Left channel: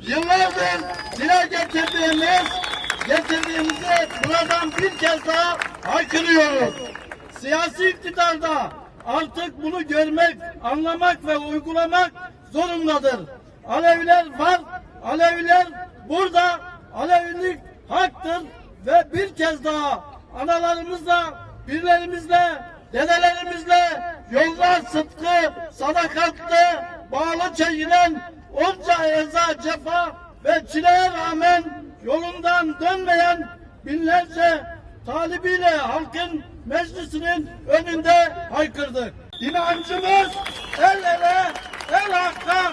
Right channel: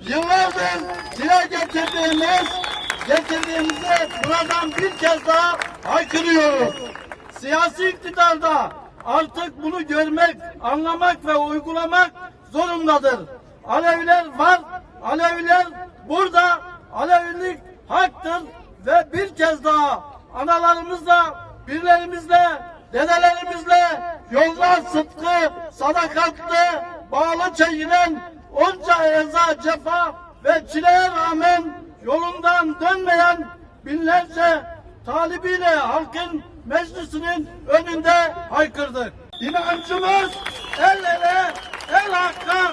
Yıllardır dile getirdiğimiz, getirdiğimizi buradan bir kez daha haykırıyoruz. Siyasi iktidarda artık bunu görmek, anlamak ve uygulamak zorundadır. Aleviler var, Aleviler burada, Alevilik haktır ve bir kez daha analarımızla, birlerimizle, dedelerimizle yollar sıdkı, sadakatle bağlı çekilen onca eza, cefa ve çileye rağmen yolundan dönmeyen binlerce talibiyle halkın meclisinin önünde haykırdık. İnancımız el ele, el hakka,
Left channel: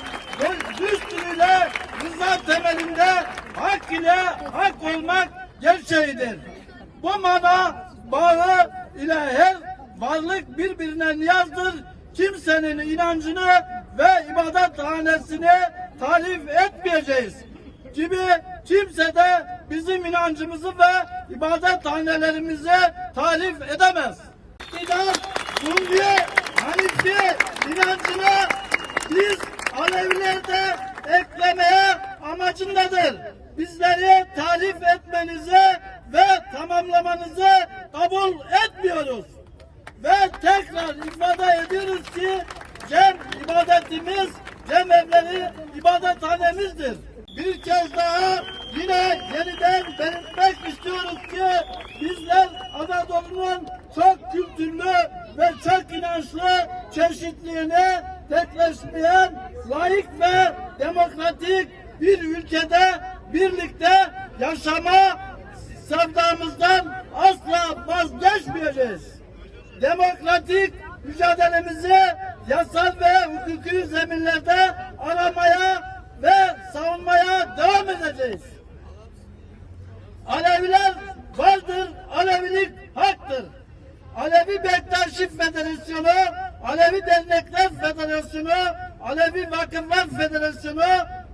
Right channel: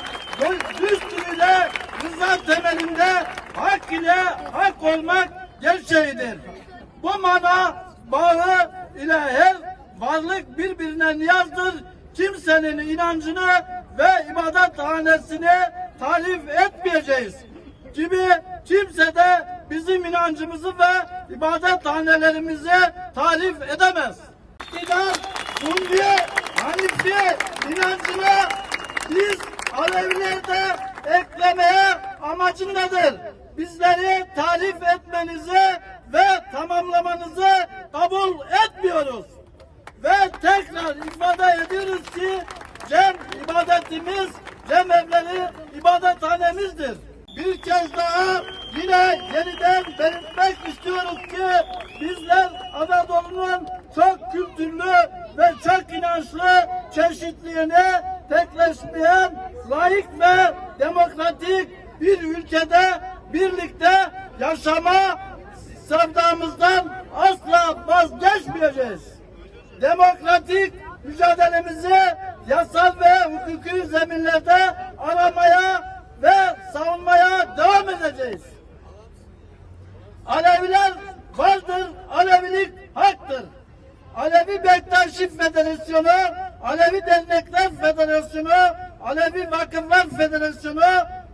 düstürüyle, rıza temelinde hak ile hak olmak gerçeğidir. Bu mana bağı ile her varlık birbirine niyazdır. Kimsenin inancını ve ibadethanesini tarif etmeyeceğiz. Gibi kimse de bizim inancımızı ve ibadethanelerimizi tarif edemez. İnan, Hundiye, Hanifiye inancına biz Alevilerde eklemeye amacındadır. Bizleri tarif etmenizi ve tamamlamanızı kabul etmiyoruz. Ve tekrar ifade ediyoruz ki cem ibadetimiz, cem evleri ibadethanemizdir. Bir kez daha yine yeniden belirtmek istiyoruz ki bizler Anadolu'nun çok kültürlü ve çok inançlı çeşitliliğini tekleşmeyen layık ve demokratik bir ülkede birlikte yaşama sevdamızdan asla vazgeçmeyeceğiz demokratik mücadelemizi yasal ve hukuki zeminlerde aramaya ve savunmaya devam edeceğiz. Aleviler vardır, Alevilik haktır. Alevi Bektaşi Federasyonu, Alevi Dernekler Federasyonu, Alevi Vakıflar Federasyonu,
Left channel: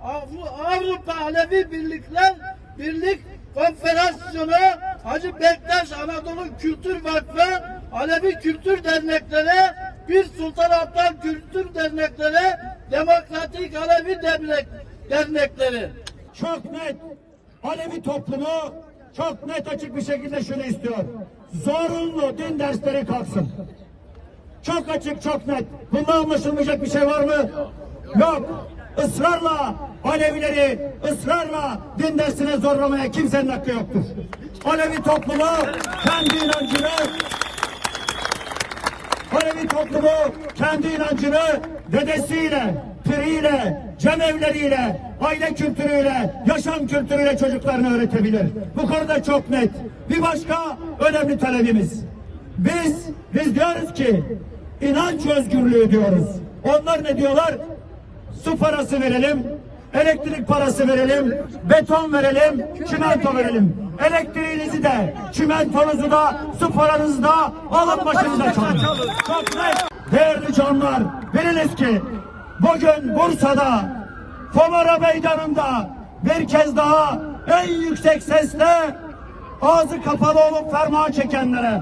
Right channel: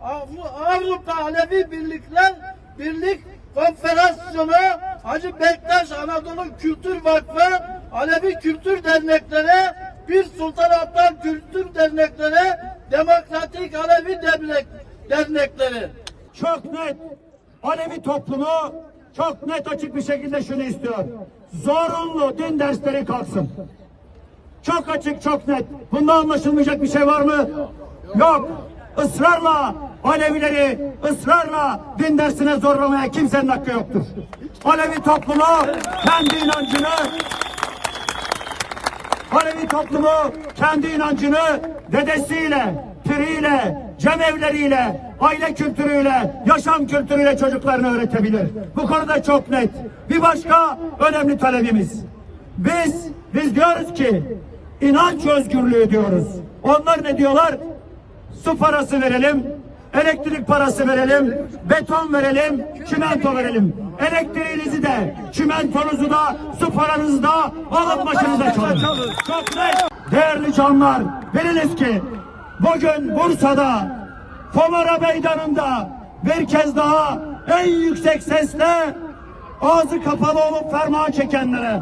Av- Avrupa Alevi Birlikler Birlik Konfederasyonu, Hacı Bektaş Anadolu Kültür Vakfı, Alevi Kültür Dernekleri, Bir Sultan Abdal Kültür Dernekleri, Demokratik Alevi Dernek, Dernekleri. çok net Alevi toplumu çok net açık bir şekilde şunu istiyor. Zorunlu din dersleri kalksın. Çok açık, çok net. Bunda anlaşılmayacak bir şey var mı? Yok. Israrla Alevileri ısrarla din dersine zorlamaya kimsenin hakkı yoktur. Alevi toplumu kendi inancını Alevi toplumu kendi inancını dedesiyle, piriyle, cemevleriyle, aile kültürüyle, yaşam kültürüyle çocuklarına öğretebilir. Bu konuda çok net. Bir başka önemli talebimiz. Biz, biz diyoruz ki inanç özgürlüğü diyoruz. Onlar ne diyorlar? Su parası verelim, elektrik parası verelim, beton verelim, çimento verelim. Elektriğinizi de, çimentonuzu da, su paranızı da alın başınıza çalın. Çok net. Değerli canlar, biliniz ki bugün Bursa'da, Pomara Meydanı'nda bir kez daha en yüksek sesle ağzı kapalı olup ferman çekenlere,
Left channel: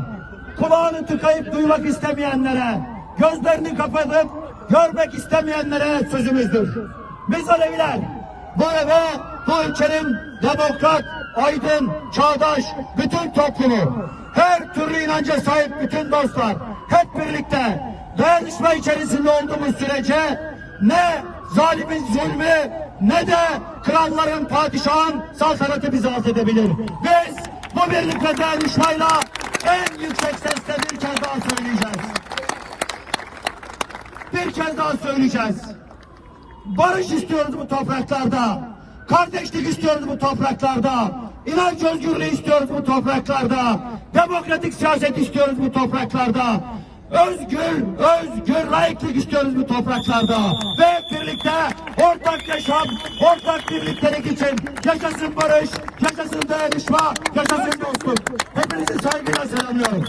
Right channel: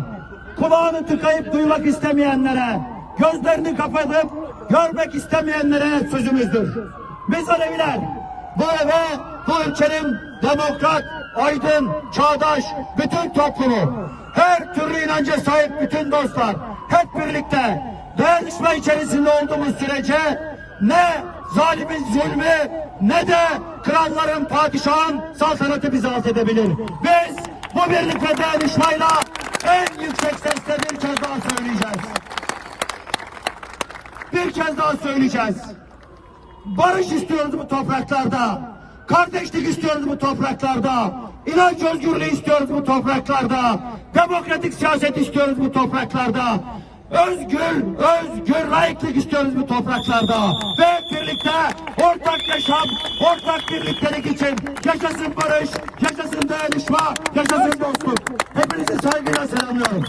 kulağını tıkayıp duymak istemeyenlere, gözlerini kapatıp görmek istemeyenlere sözümüzdür. Biz Aleviler bu eve, bu ülkenin demokrat, aydın, çağdaş, bütün toplumu, her türlü inanca sahip bütün dostlar, hep birlikte dayanışma içerisinde olduğumuz sürece ne zalimin zulmü ne de kralların, padişahın saltanatı bizi alt edebilir. Biz bu birlik ve dayanışmayla en yüksek sesle bir kez daha söyleyeceğiz. Bir kez daha söyleyeceğiz. Barış istiyoruz bu topraklarda. Kardeşlik istiyoruz bu topraklarda. İnanç özgürlüğü istiyoruz bu topraklarda. Demokratik siyaset istiyoruz bu topraklarda. Özgür, özgür layıklık istiyoruz bu topraklarda. Ve birlikte ortak yaşam, ortak birliktelik için yaşasın barış, yaşasın dayanışma, yaşasın dostluk. Hepinizi saygıyla selamlıyorum.